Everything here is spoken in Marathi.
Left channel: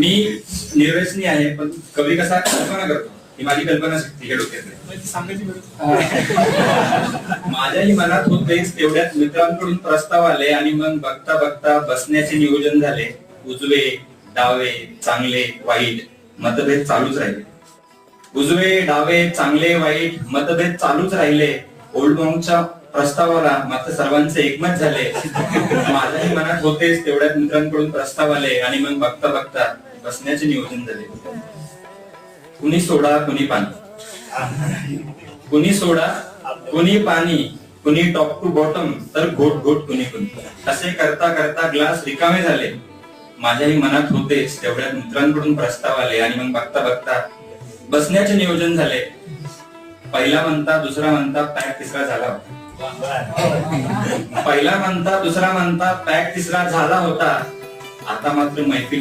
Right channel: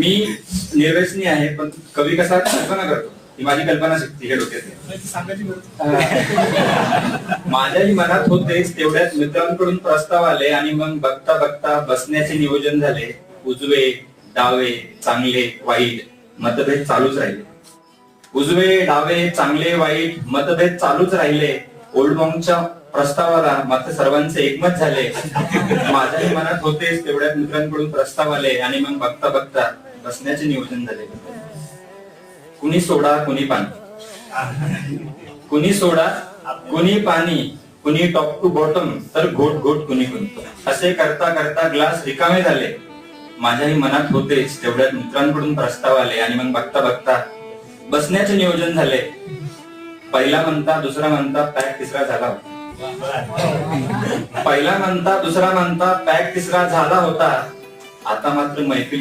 मी निर्व्यसनी आहे, पण कवी कसा कल्पना करतो, ही माझी कल्पना शक्ती हे डोक्यात माझ्याही मनात होतेच तेवढ्यात मित्रांकडून प्रस्ताव आले आणि मग बघता बघता बसण्याचे नियोजन झाले. उजवे डावे चांगले वाईट मतभेद चालूच राहिले. उजवे डावे चांगले वाईट मतभेद चालूच राहिले. ओल्ड मॉंगच्या प्रस्तावाला मात्र सर्वांचे एकमत झाले. माझ्याही मनात होतेच तेवढ्यात मित्रांकडून प्रस्ताव आले आणि मग बघता बघता बसण्याचे नियोजन झाले. कुणी सोडा कुणी पाणी, कुणी सोडा कुणी पाणी, कुणी टॉप टू बॉटम तर घोट घोट कुणी कुणी, असे करता करता ग्लास रिकामे झाले. माझ्याही मनात होतेच तेवढ्यात मित्रांकडून प्रस्ताव आले आणि मग बघता बघता बसण्याचे नियोजन झाले. पहिला म्हणता दुसरा म्हणता पॅक तिसरा झाला होता. पहिला म्हणता दुसरा म्हणता पॅक तिसरा झाला होता. आता मात्र मैफिल